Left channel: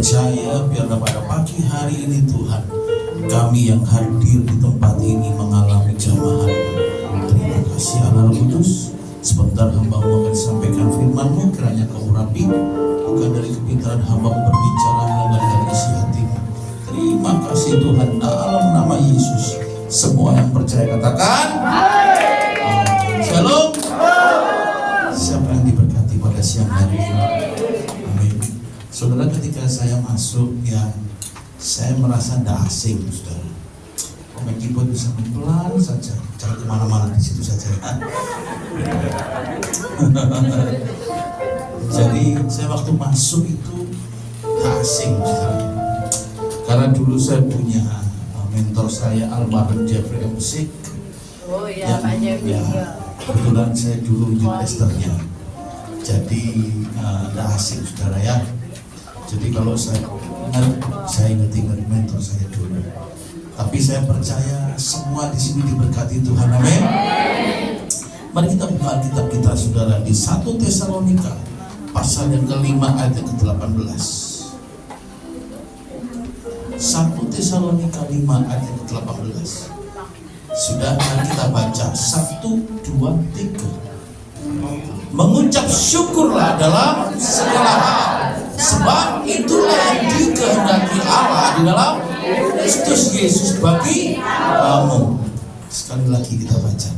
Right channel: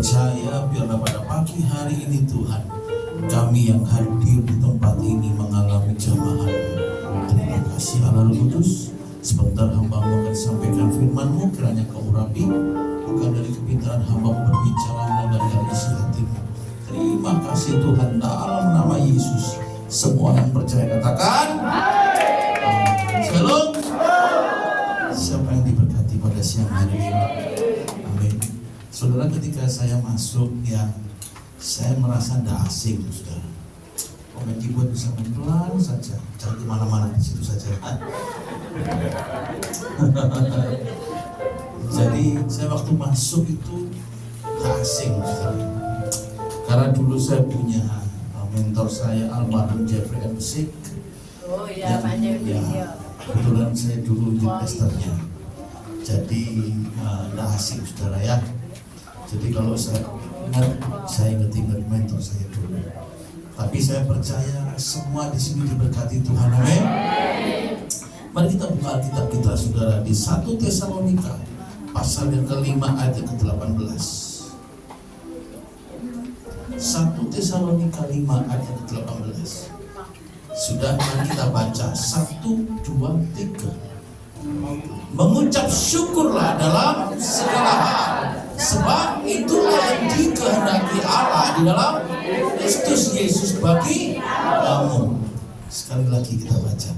percaya biarlah pada pagi hari ini Tuhan, kami yang hadir di tempat ini mengalami jamahan. Terima kasih Allah Roh Kudus. Sebentar hamba akan sampaikan firman-Mu, kiranya Kau urapi, bukan dari kepintaran hamba berbicara, melainkan isi hatimu. Terima kasih Tuhan, dalam nama Yesus. Semua yang percaya katakan amin. Shalom. Siapa yang diberkati pada siang hari ini? Amin. Saudara, ketika saya masuk, yang saya merasa tidak asing, saudara. Main keyboard bisa pelan saja, jangan kemana-mana, di situ saja. Jadi saya waktu masuk itu gak asing, saudara. Karena dulu saya punya mentor saya almarhum Jeffrey M. Sik. Oh iya, Pak Jeffrey. Ya, kebetulan saya dulu di testernya. Jadi tidak asing, saudara ya. Jadi kalau saya ingat mentor saya dulu. Tapi saya percaya semua di sini diberkati Tuhan, amin. Mari kita buka Alkitab kita, saudara, di 1 Tesalonika pasal yang ke-5 ayat yang ke-18. 1 Tesalonika 5 ayat yang ke-18. Sudah kita baca 1, 2, 3. Mengucap syukurlah dalam segala hal, sebab itulah yang dikehendaki Allah di dalam Kristus Yesus bagi kamu. Sekali lagi kita baca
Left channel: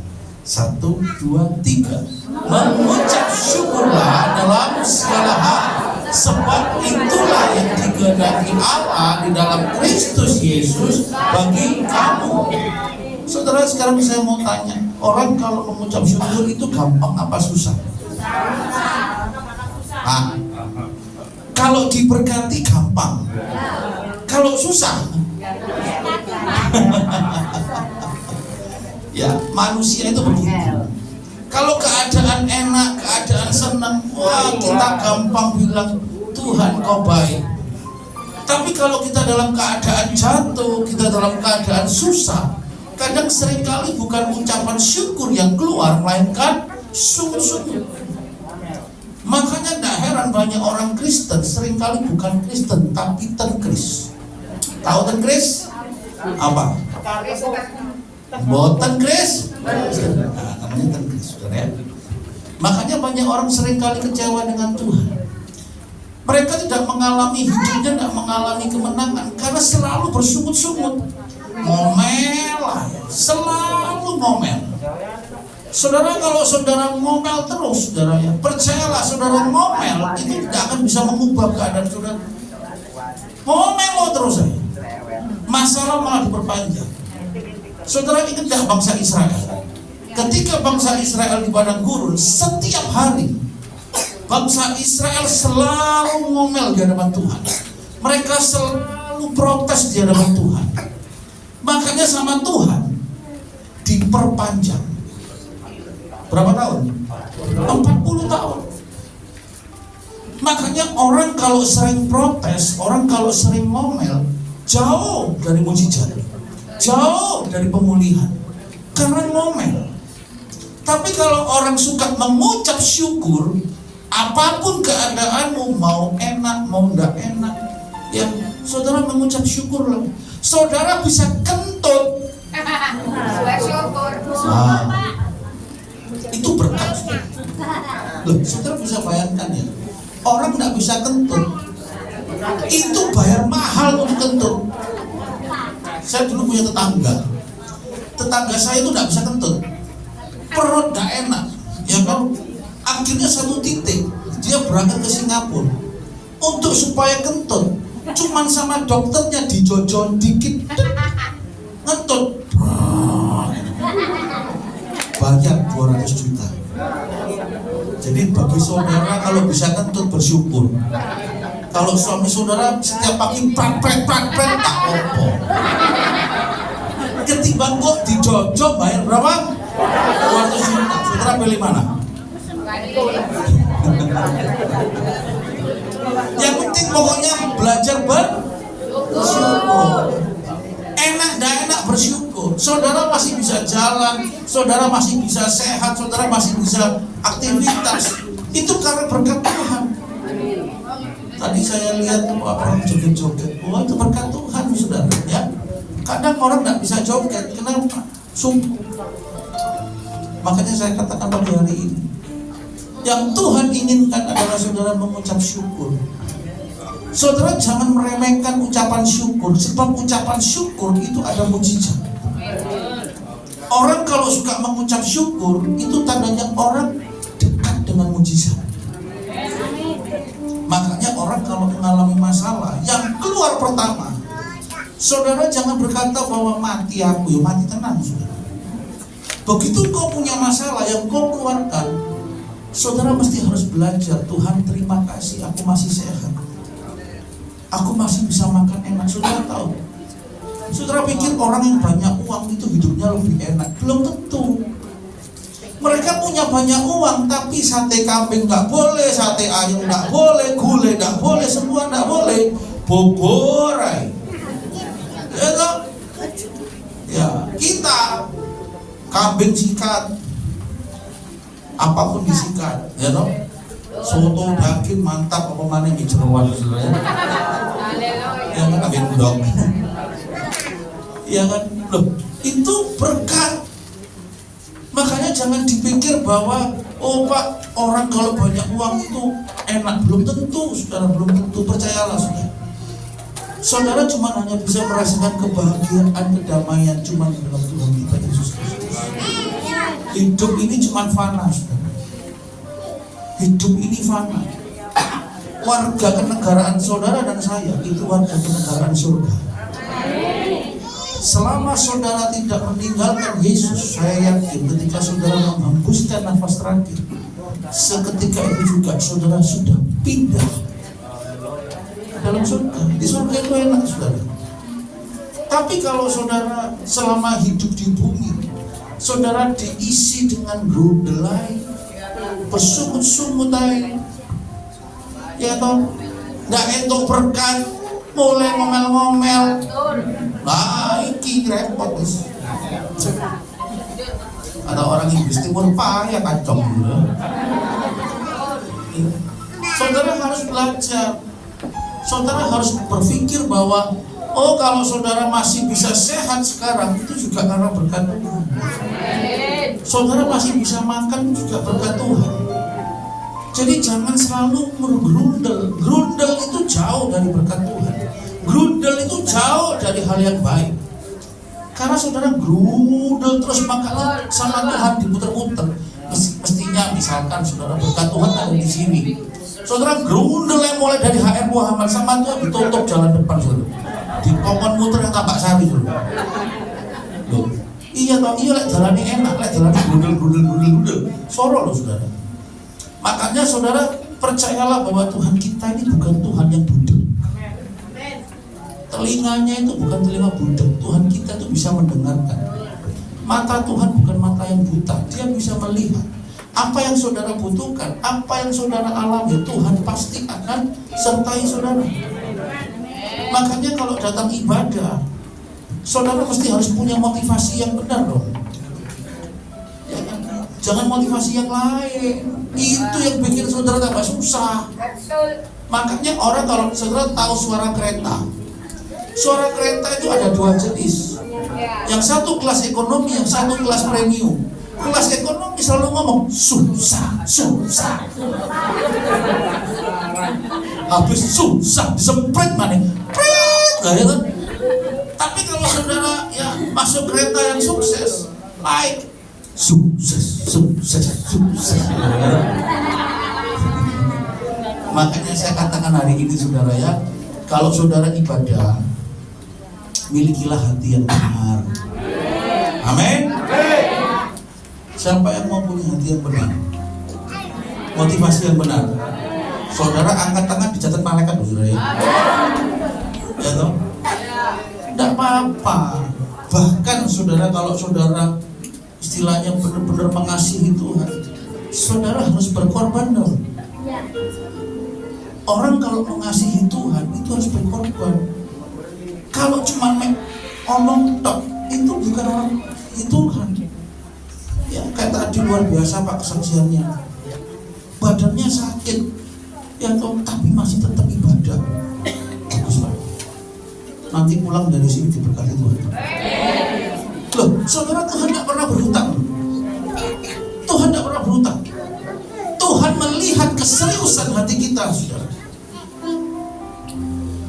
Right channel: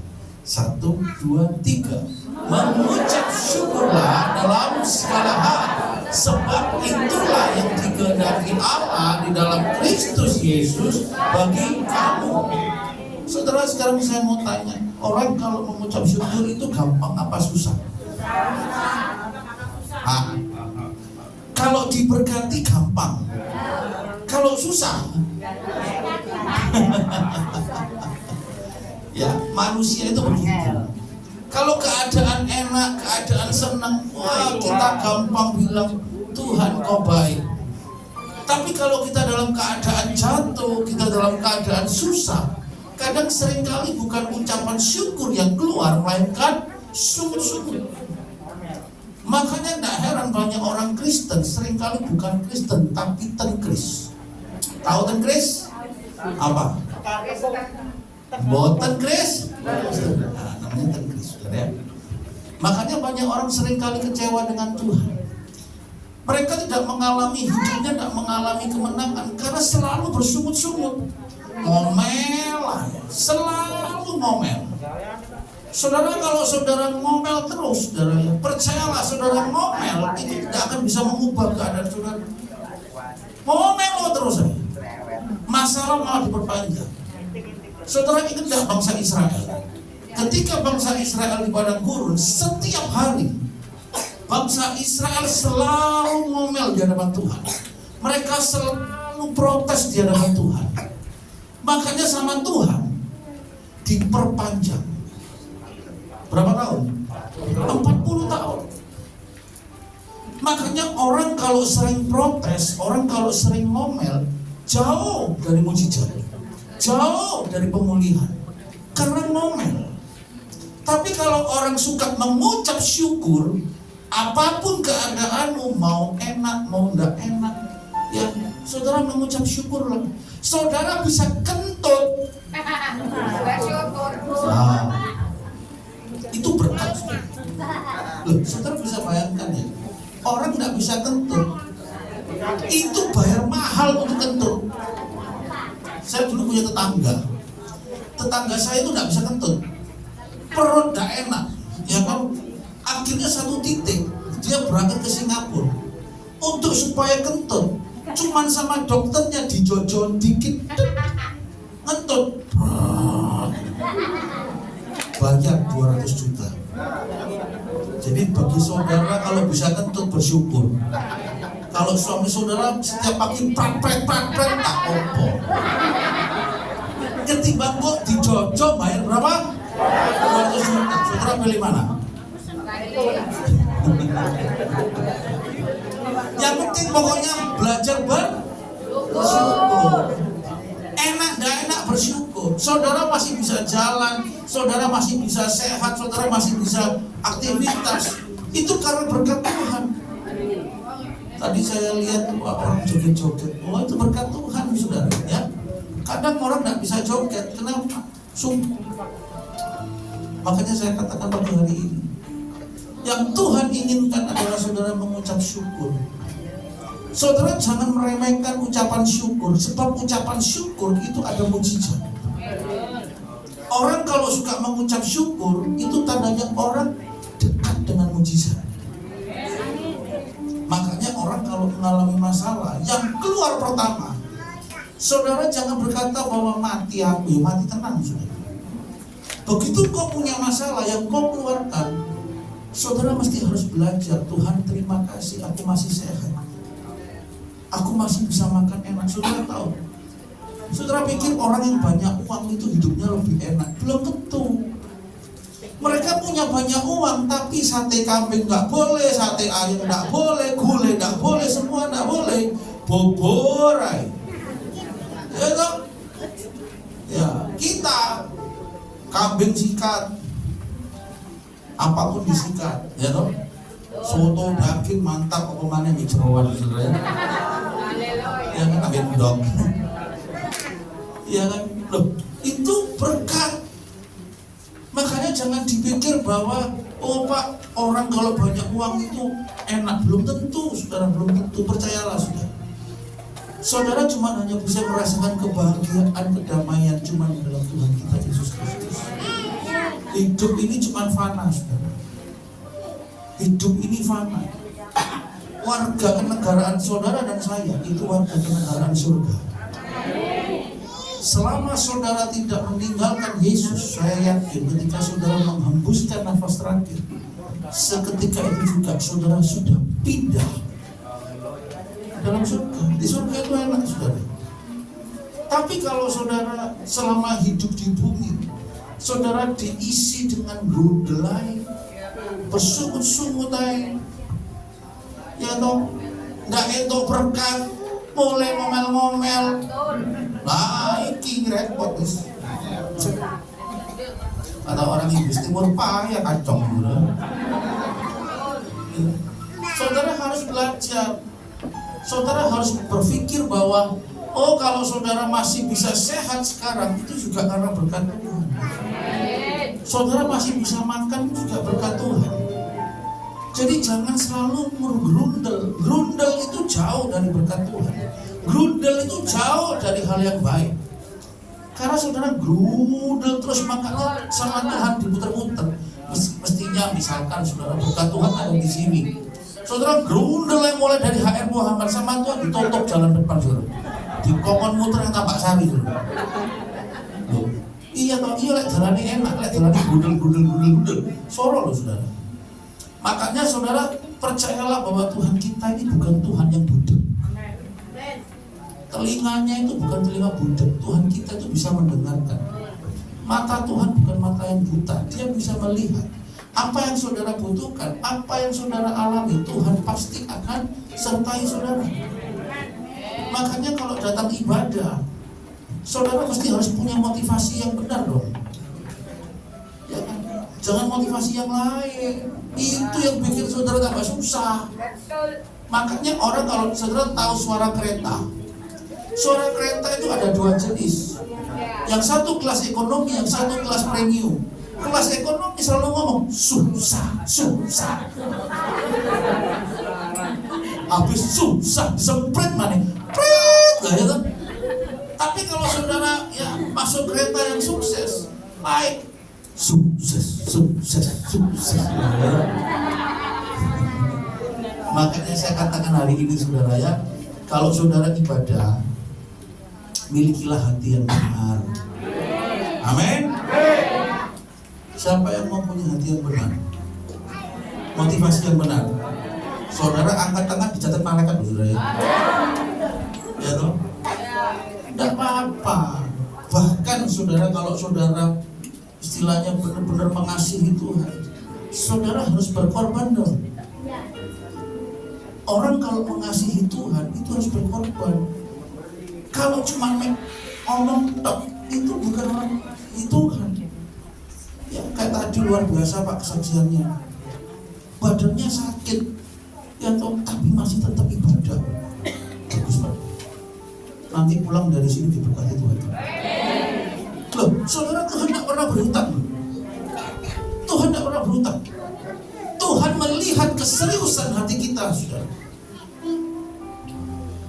1, 2, 3. Mengucap syukurlah dalam segala hal, sebab itulah yang dikehendaki Allah di dalam Kristus Yesus bagi kamu. Saudara, sekarang saya mau tanya, orang kalau mengucap syukur itu gampang apa susah? Kalau diberkati gampang, kalau susah ya, manusia itu begitu. Kalau keadaan enak, keadaan senang, wah kita gampang bilang Tuhan Kau baik. Tapi kalau kita dalam keadaan jatuh, kita dalam keadaan susah, kadang seringkali bukan ucapan syukur yang keluar, melainkan sungut-sungut. Makanya tidak heran banyak orang Kristen seringkali bukan Kristen tapi tenkris. Tahu tenkris? Apa? Boten kris? Namanya tenkris, saudara ya. Makanya banyak orang seringkali kecewa dengan Tuhan. Mereka tidak mengalami hidupnya, tidak mengalami kemenangan karena selalu bersungut-sungut, ngomel, selalu ngomel. Saudara, kalau saudara ngomel terus, saudara ya, percayalah, saudara ngomel itu tidak akan bisa mengubah keadaan saudara. Ngomel terus saja, masalah malah diperpanjang. Saudara ingat tidak bangsa Israel? Ketika bangsa Israel di padang gurun, setiap hari bangsa Israel selalu ngomel di hadapan Tuhan. Mereka selalu protes di hadapan Tuhan. Makanya sama Tuhan diperpanjang. Berapa tahun? 40 tahun. Makanya orang kalau sering protes, orang kalau sering ngomel, jauh dari mujizat, jauh dari pemulihan, karena ngomel. Tapi kalau orang suka mengucap syukur, apapun keadaanmu, mau enak, mau enggak enak, ya saudara mengucap syukurlah. Saudara bisa kentut. Itu berkat. Loh, saudara bisa bayangkan ya, orang nggak bisa kentut, itu bayar mahal untuk kentut. Saya dulu punya tetangga saya itu nggak bisa kentut, perut nggak enak, ya kan? Akhirnya satu titik dia berangkat ke Singapura untuk supaya kentut, cuman sama dokternya dijojon dikit, ngentut. Bayar 200 juta. Jadi bagi saudara kalau bisa kentut bersyukur. Kalau suami saudara setiap pagi prak tak opo. Ketimbang kok dijojok bayar berapa? 200 juta. Saudara pilih mana? Yang penting pokoknya belajar bersyukur. Enak dah enak bersyukur. Saudara masih bisa jalan, saudara masih bisa sehat, saudara masih bisa aktivitas. Itu karena berkat Tuhan. Tadi saya lihat orang joget-joget. Oh, itu berkat Tuhan, saudara. Ya, kadang orang tidak bisa joget. Kenapa? Sungguh. Makanya saya katakan pada hari ini, yang Tuhan inginkan adalah saudara mengucap syukur. Saudara jangan meremehkan ucapan syukur, sebab ucapan syukur itu ada mujizat. Orang kalau suka mengucap syukur, itu tandanya orang dekat dengan mujizat. Makanya orang kalau mengalami masalah, yang keluar pertama, saudara jangan berkata bahwa mati aku, ya mati tenang, saudara. Begitu kau punya masalah yang kau keluarkan, saudara mesti harus belajar, Tuhan terima kasih aku masih sehat, aku masih bisa makan enak. Saudara tahu, saudara pikir orang yang banyak uang itu hidupnya lebih enak? Belum tentu. Mereka punya banyak uang, tapi sate kambing nggak boleh, sate ayam nggak boleh, gulai nggak boleh, semua nggak boleh. Boborai, ya toh? Ya, kita kambing sikat, apapun disikat, ya toh? Soto daging mantap, apa mana mie jeroan, saudara? Ya kan, kambing udang. Ya kan, loh, itu berkat. Makanya jangan dipikir bahwa oh Pak, orang kalau banyak uang itu enak. Belum tentu, saudara, belum tentu. Percayalah, saudara. Saudara cuma hanya bisa merasakan kebahagiaan, kedamaian cuma di dalam Tuhan kita Yesus Kristus. Hidup ini cuma fana, saudara. Hidup ini fana. Warga kenegaraan saudara dan saya itu warga kenegaraan surga. Selama saudara tidak meninggalkan Yesus, saya yakin ketika saudara menghembuskan nafas terakhir, seketika itu juga saudara sudah pindah dalam surga. Di surga itu enak, saudara. Tapi kalau saudara selama hidup di bumi, saudara diisi dengan grudelai, bersungut-sungut aja, ya toh, nggak entuk berkat, mulai ngomel-ngomel. Nah, iki repot guys. Ada orang Inggris Timur payah kacong gitu. Saudara harus belajar. Saudara harus berpikir bahwa oh, kalau saudara masih bisa sehat sekarang, itu juga karena berkat Tuhan. Saudara masih bisa makan juga berkat Tuhan. Jadi jangan selalu bergerundel. Gerundel itu jauh dari berkat Tuhan. Gerundel itu jauh dari hal yang baik. Karena saudara gerundel terus, maka sama Tuhan diputer-puter. Mestinya misalkan saudara berkat Tuhan ada di sini, saudara gerundel yang mulai dari HR Muhammad, sama Tuhan ditutup jalan depan, saudara. Di kokon muter yang Tambak Sari, saudara. Loh, iya toh, iya lek jalannya enak, lek jalannya gerundel. Soro loh, saudara. Makanya saudara percayalah bahwa Tuhan kita ini bukan Tuhan yang budek. Telinganya itu bukan telinga budek. Tuhan kita itu bisa mendengarkan. Mata Tuhan bukan mata yang buta. Dia bisa melihat apa yang saudara butuhkan, apa yang saudara alami. Tuhan pasti akan sertai saudara. Makanya kalau datang ibadah, saudara mesti harus punya motivasi yang benar dong. Ya kan? Jangan motivasi yang lain. Itu yang bikin saudara tambah susah. Makanya orang kalau saudara tahu suara kereta, suara kereta itu ada dua jenis. Yang satu kelas ekonomi, yang satu kelas premium. Kelas ekonomi selalu ngomong susah. Habis susah disemprit mana? Prit lah ya kan. Tapi kalau saudara ya masuk kereta yang sukses, baik. Sukses. Makanya saya katakan hari ini saudara ya, kalau saudara ibadah, milikilah hati yang benar. Amin. Siapa yang mau punya hati yang benar, motivasi yang benar? Saudara angkat tangan, dicatat malaikat, saudara ya. Ya toh? Tidak apa-apa. Bahkan saudara, kalau saudara istilahnya benar-benar mengasihi Tuhan, saudara harus berkorban dong. Orang kalau mengasihi Tuhan itu harus berkorban. Kalau cuma omong tok, itu bukan orang, itu Tuhan. Ya kayak tadi luar biasa Pak kesaksiannya. Badannya sakit, ya toh, tapi masih tetap ibadah. pulang dari sini diberkati Tuhan. Loh, saudara, Tuhan tidak pernah berhutang. Tuhan tidak pernah berhutang. Tuhan melihat keseriusan hati kita, saudara.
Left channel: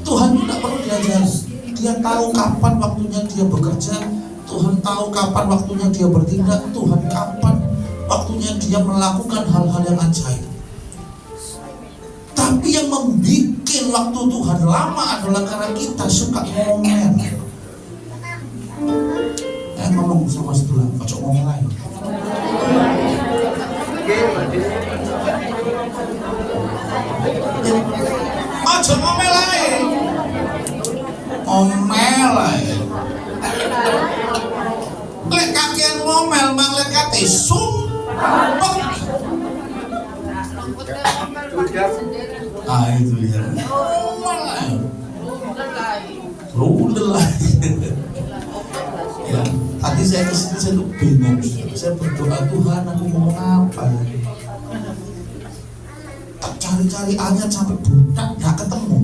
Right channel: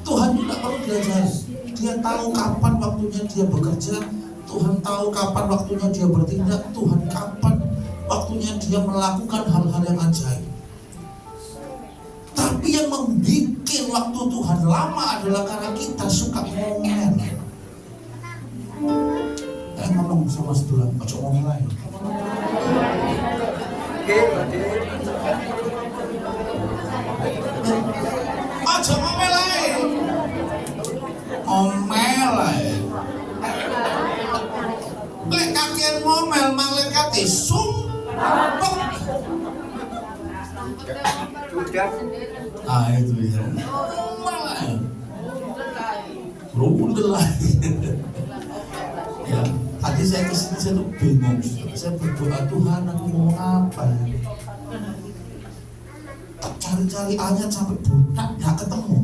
Tuhan tidak perlu diajar. Dia tahu kapan waktunya dia bekerja. Tuhan tahu kapan waktunya dia bertindak. Tuhan kapan waktunya dia melakukan hal-hal yang ajaib. Tapi yang membuat waktu Tuhan lama adalah karena kita suka ngomel. Ngomong sama sebelah, kocok ngomel lagi. Kocok ngomel lagi. Ngomel lagi. Lek kakean ngomel malaikat sumpah. Ah itu ya. Ngomel lagi. Ya, tadi saya kesini saya tuh bingung. Saya berdoa, Tuhan aku ngomong apa? Tak cari-cari ayat sampai budak nggak ketemu.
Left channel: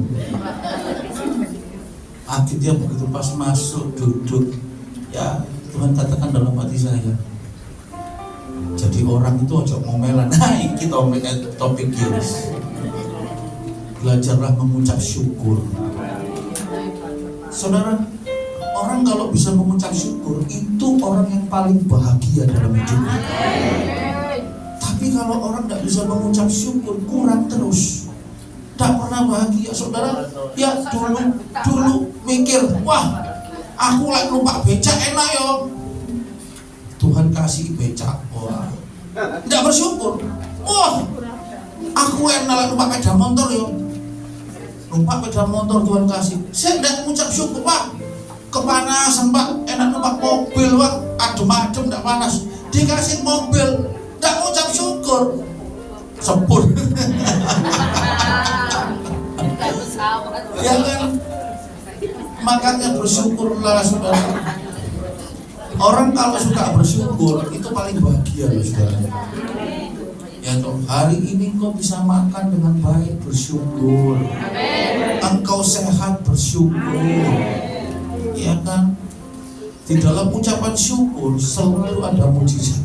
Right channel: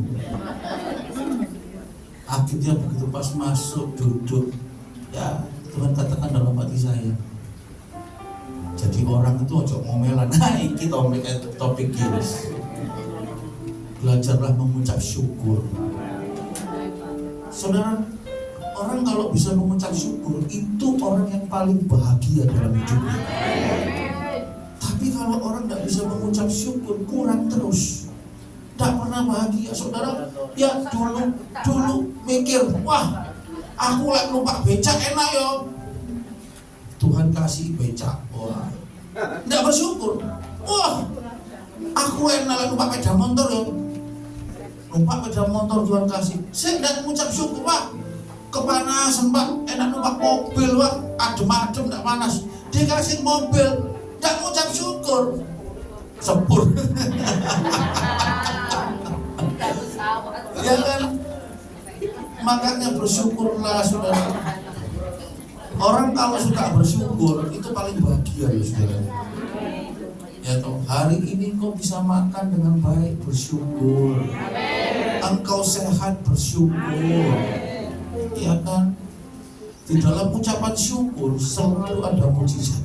Akhirnya begitu pas masuk duduk, ya Tuhan katakan dalam hati saya, jadi orang itu ojo ngomelan. Nah ini topik ini. Belajarlah mengucap syukur. Saudara, orang kalau bisa mengucap syukur itu orang yang paling bahagia dalam hidupnya. Tapi kalau orang tidak bisa mengucap syukur, kurang terus, tidak pernah bahagia. Saudara, ya dulu mikir, wah aku lagi lupa becak enak yo. Tuhan kasih becak, wah tidak bersyukur. Wah aku enak lagi lupa sepeda motor yo. Lupa sepeda motor Tuhan kasih, saya tidak mengucap syukur, Pak. Kepanasan Pak, enak numpak mobil Pak, adem-adem tidak panas, dikasih mobil, tidak mengucap syukur, sepur. Ya kan, makanya bersyukurlah saudara. Orang kalau suka bersyukur itu paling bahagia loh saudara. Ya toh, hari ini kau bisa makan dengan baik, bersyukur. Engkau sehat, bersyukur. Ya kan, di dalam ucapan syukur selalu ada mujizat.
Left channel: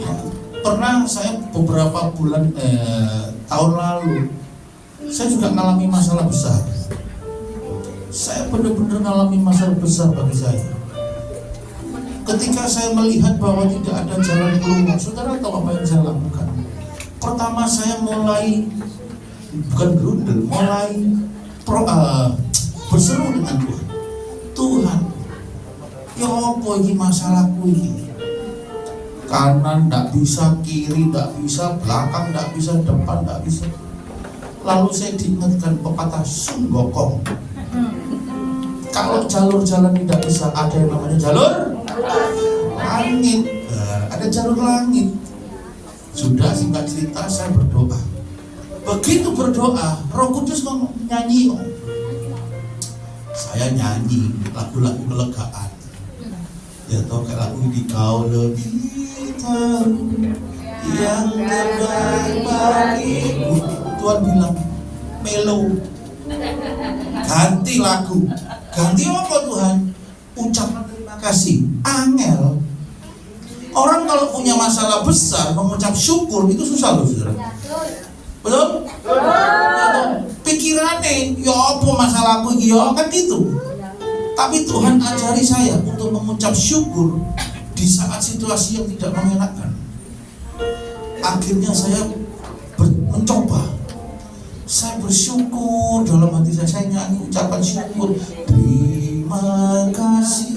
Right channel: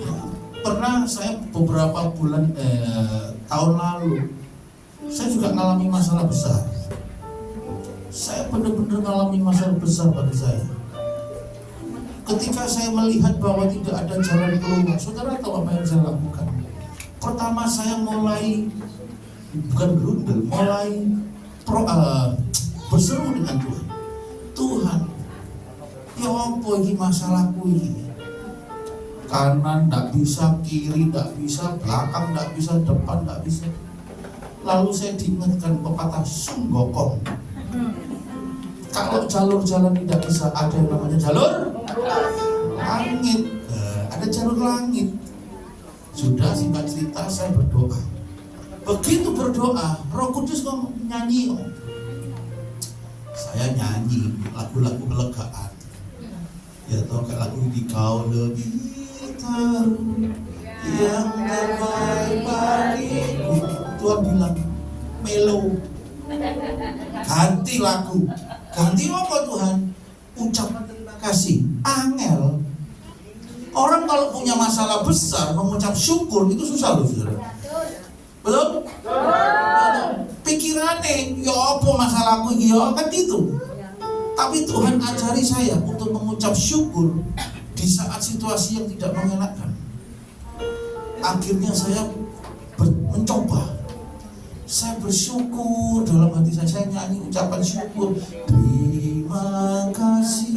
Ya, pernah saya beberapa bulan tahun lalu saya juga mengalami masalah besar. Saya benar-benar mengalami masalah besar bagi saya. Ketika saya melihat bahwa tidak ada jalan keluar, saudara tahu apa yang saya lakukan? Pertama saya mulai bukan berundel, mulai berseru dengan Tuhan. Tuhan, ya apa ini masalahku ini? Kanan tidak bisa, kiri tidak bisa, belakang tidak bisa, depan tidak bisa. Lalu saya diingatkan pepatah Sun Gokong. Kalau jalur jalan tidak bisa, ada yang namanya jalur langit. Ada jalur langit. Sudah singkat cerita saya berdoa. Begitu berdoa, Roh Kudus ngomong nyanyi. Saya nyanyi lagu-lagu kelegaan. Ya toh kayak lagu ini, kau lebih tahu yang terbaik bagiku. Tuhan bilang melo, ganti lagu. Ganti apa Tuhan? Ucapan terima kasih. Angel. Orang kalau punya masalah besar mengucap syukur itu susah loh saudara. Betul? Pikirannya, ya apa masalahku ya kan gitu. Tapi Tuhan ajari saya untuk mengucap syukur di saat situasi yang tidak mengenakan. Akhirnya saya mencoba. Saya bersyukur dalam hati saya nyanyi ucapan syukur. Terima kasih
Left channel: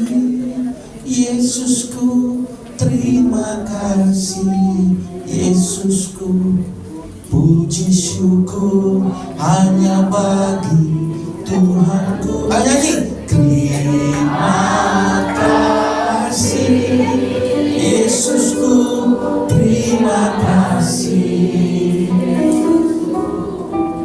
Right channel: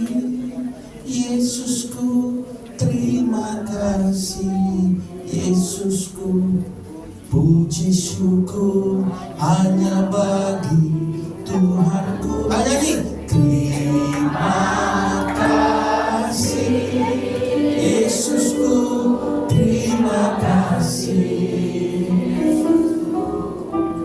Yesusku, terima kasih Yesusku. Puji syukur hanya bagi Tuhanku. Nyanyi. Terima kasih Yesusku, terima kasih.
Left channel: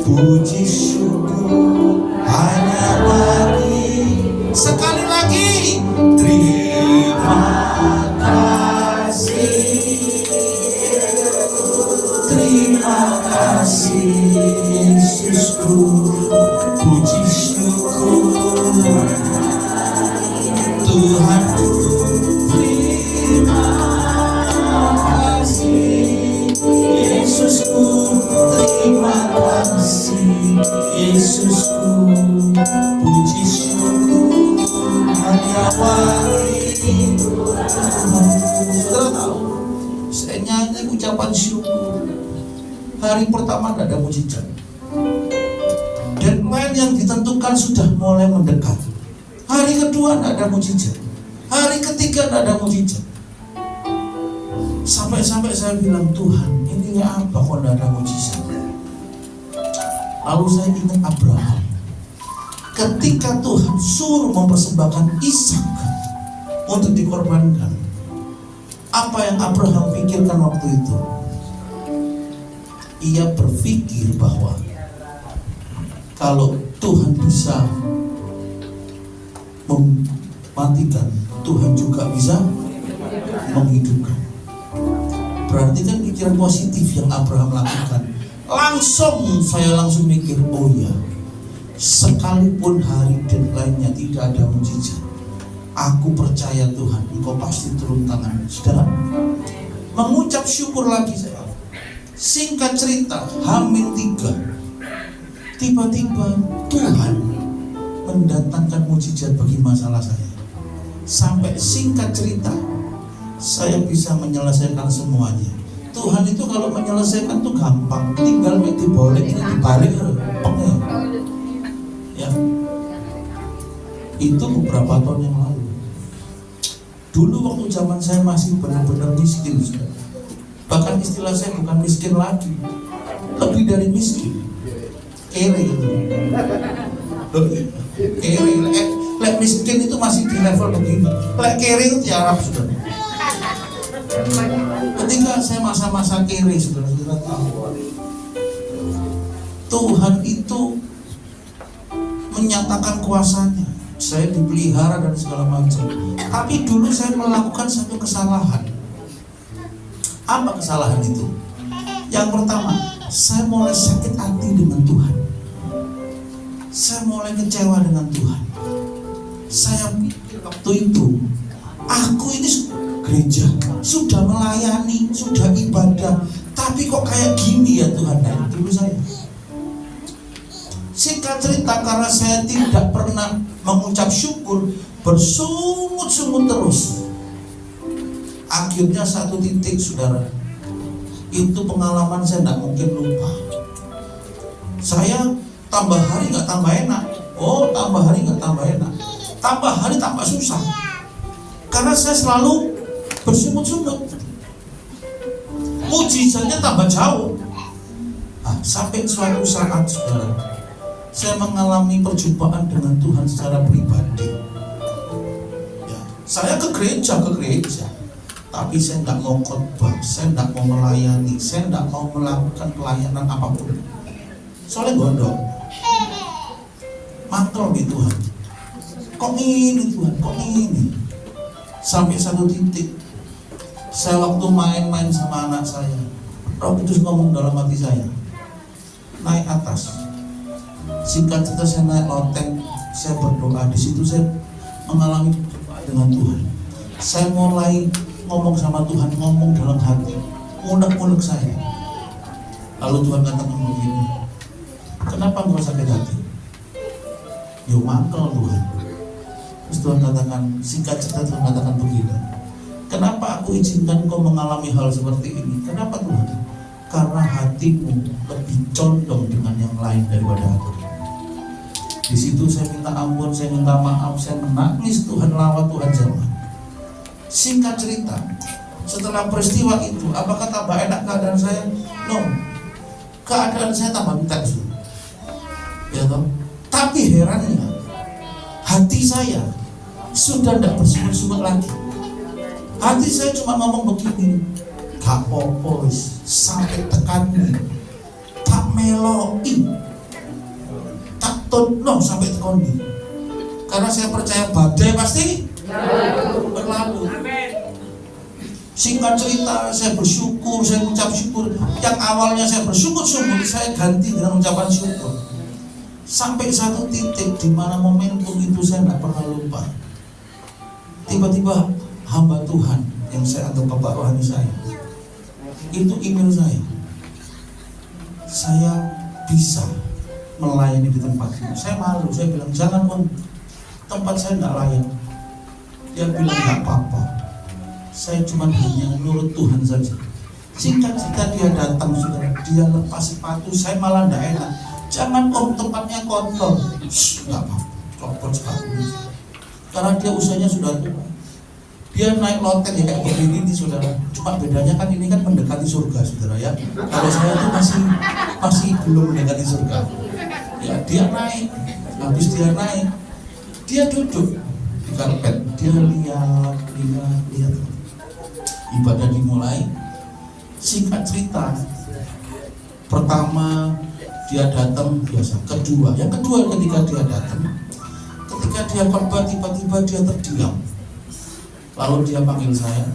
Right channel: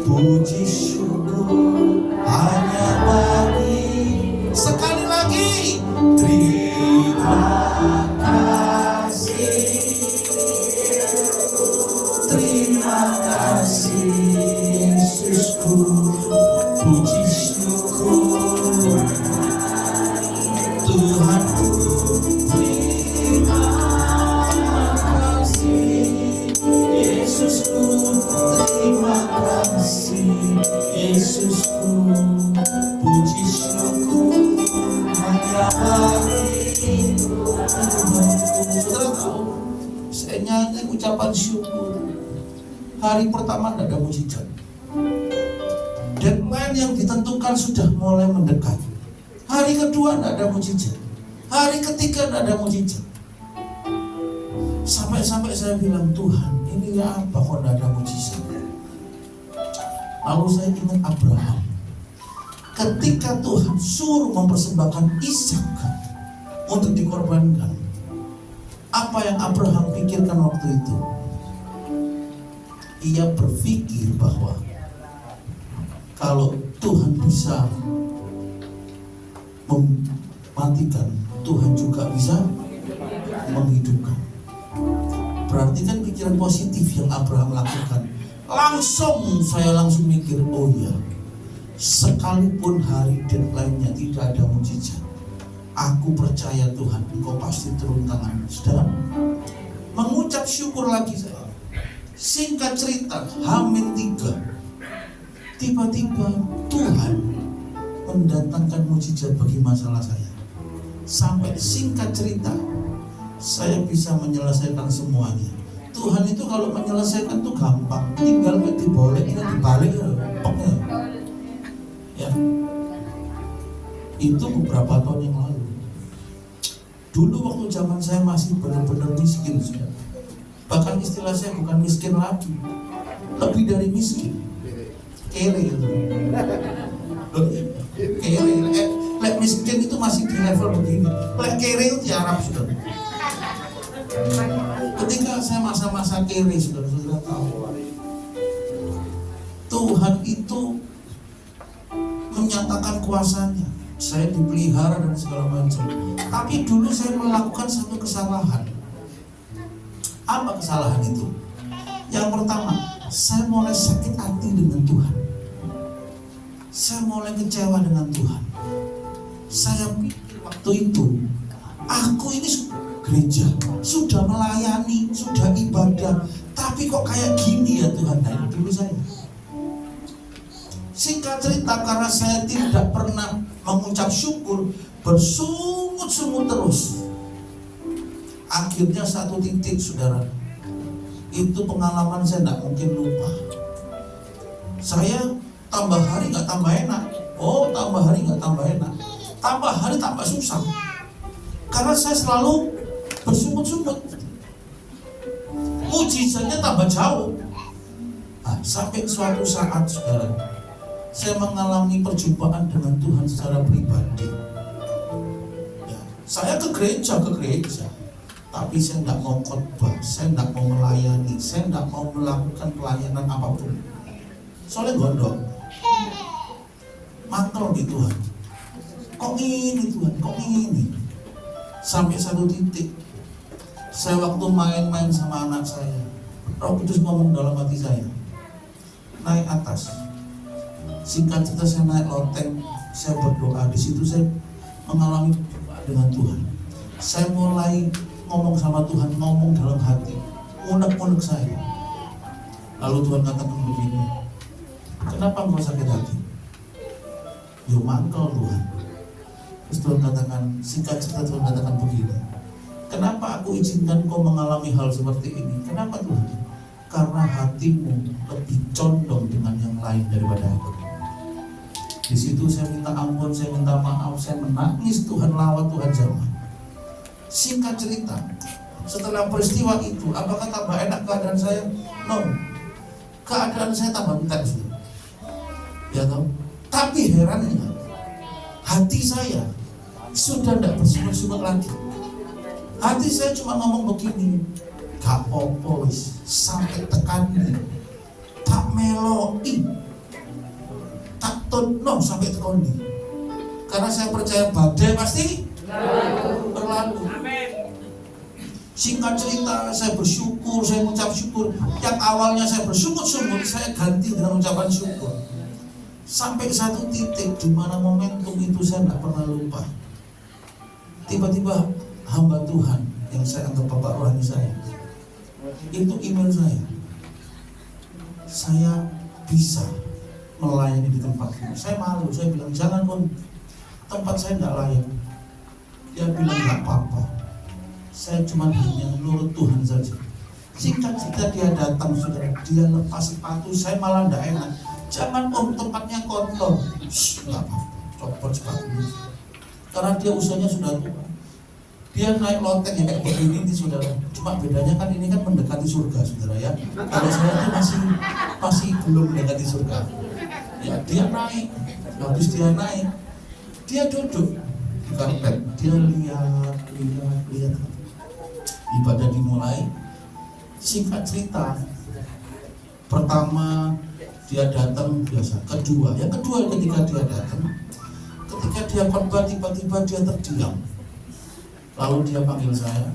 Puji syukur hanya bagi. Sekali lagi. Terima kasih. Terima kasih Yesusku. Puji syukur ucapan syukur. Hari pertama tidak ada mujizat. Deadline yang ditentukan sudah mulai mendekat. Hari kedua tidak ada mujizat. Hari ketiga tidak ada mujizat. Sampai-sampai saya bilang, Tuhan, ini apa kok tidak ada mujizat? Lalu saya ingat Abraham. Ketika Tuhan suruh mempersembahkan Ishak untuk dikorbankan, apa yang Abraham pikirkan waktu itu? Ia berpikir bahwa kalau Tuhan bisa mematikan, Tuhan juga bisa menghidupkan. Berarti kan pikiran positif yang Abraham lakukan. Saya langsung mikir, oh ya, sekalipun hari deadline-nya tidak ada mujizat, aku percaya Tuhan, Engkau pasti turun tangan. Saudara, mengucap syukur lagi saya. Singkat cerita, H-3, tiba-tiba Tuhan mendatangkan mujizat bagi masalah saya. Sampai singkat cerita, saya bisa menyelesaikan semuanya. Tuhan itu kalau menyelesaikan itu gampang, tinggal dibalik, ya. Itu beberapa tahun yang lalu. Dulu waktu zaman saya masih benar-benar miskin, sudah. Bahkan istilah saya bukan miskin lagi, lebih dari miskin, kere itu. Kere, lek miskin itu masih di level begini, lek kere itu di Arab, sudah. Ketika saya masa-masa kiri, saudara-saudara tahu, Tuhan itu menyatakan kuasanya. Saya dipelihara dan segala macam. Tapi dulu saya melakukan satu kesalahan. Apa kesalahan itu? Yang pertama, saya mulai sakit hati dengan Tuhan. Saya mulai kecewa dengan Tuhan. Saya pikir waktu itu, aku ini gereja, sudah melayani, sudah ibadah, tapi kok kayak gini ya Tuhan. Nah, dulu saya. Singkat cerita, karena saya tidak pernah mengucap syukur, bersungut-sungut terus. Akhirnya satu titik, saudara, itu pengalaman saya tidak mungkin lupa. Saya tambah hari nggak tambah enak. Oh, tambah hari nggak tambah enak. Tambah hari tambah susah. Karena saya selalu bersungut-sungut, mujizatnya tambah jauh. Sampai suatu saat, saudara, saya mengalami perjumpaan dengan Tuhan secara pribadi. Ya, saya ke gereja, tapi saya tidak mau khotbah, saya tidak mau melayani, saya tidak mau melakukan pelayanan apapun. Soalnya gondok, mantul di Tuhan. Kok ini Tuhan, kok ini? Sampai satu titik, saya waktu main-main sama anak saya, Roh Kudus ngomong dalam hati saya, naik atas. Singkat cerita, saya naik loteng, saya berdoa. Di situ saya mengalami perjumpaan dengan Tuhan. Saya mulai ngomong sama Tuhan, ngomong dalam hati, unek-unek saya. Lalu Tuhan katakan begini, kenapa engkau sakit hati? Yo mangkel Tuhan. Terus Tuhan katakan, singkat cerita Tuhan katakan begini, kenapa aku izinkan kau mengalami hal seperti ini? Kenapa Tuhan? Karena hatimu lebih condong dengan yang lain daripada aku. Di situ saya minta ampun, saya minta maaf, saya menangis, Tuhan lawat, Tuhan jawab. Singkat cerita, setelah peristiwa itu, apakah tambah enak keadaan saya? No, keadaan saya tambah intens. Ya toh? Tapi herannya, hati saya sudah tidak bersungut-sungut lagi. Hati saya cuma ngomong begini, gak apa-apa, sampai tekan ini, tak meloi, tak tono sampai tekan ini. Karena saya percaya badai pasti berlalu. Singkat cerita, saya bersyukur, saya ucap syukur. Yang awalnya saya bersyukur-syukur, saya ganti dengan ucapan syukur. Sampai satu titik di mana momentum itu saya tidak pernah lupa. Tiba-tiba hamba Tuhan yang saya anggap bapak rohani saya, itu email saya bisa melayani di tempat ini. Saya malu, saya bilang jangan om, tempat saya tidak layak. Dia bilang nggak apa-apa, saya cuma hanya menurut Tuhan saja. Singkat cerita dia datang, saudara, dia lepas sepatu, saya malah tidak enak. Jangan om, tempatnya kotor. Nggak apa, copot sepatunya. Karena dia usianya sudah tua. Dia naik loteng ya kayak begini nih, saudara. Cuma bedanya kan ini kan mendekati surga, saudara ya. Kalau saya itu masih belum mendekati surga. Ya dia naik, habis dia naik, dia duduk di karpet, dia lihat. Ibadah dimulai. Singkat cerita, pertama dia datang biasa, yang kedua ketika dia datang, ketika dia khotbah tiba-tiba dia terdiam. Lalu dia panggil saya,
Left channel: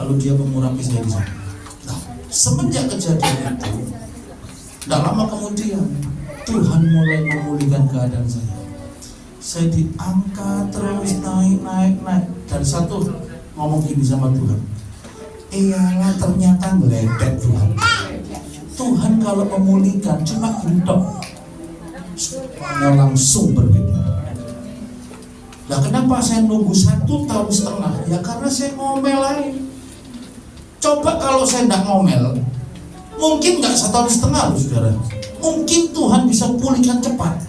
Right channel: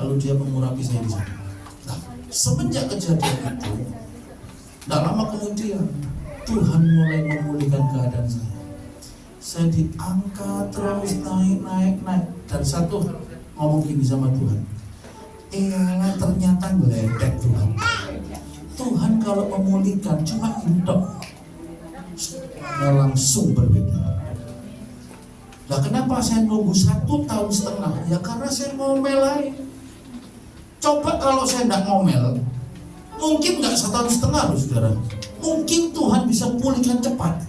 lalu dia mengurapi saya di sana. Nah, semenjak kejadian itu, tidak lama kemudian Tuhan mulai memulihkan keadaan saya. Saya diangkat terus naik. Dan satu ngomong gini sama Tuhan, iyalah ternyata ngeledek Tuhan. Tuhan kalau memulihkan cuma gendok, langsung berbeda. Nah kenapa saya nunggu 1,5 tahun? Ya karena saya ngomel aja. Coba kalau saya tidak ngomel, mungkin nggak 1,5 tahun loh saudara. Mungkin Tuhan bisa pulihkan cepat.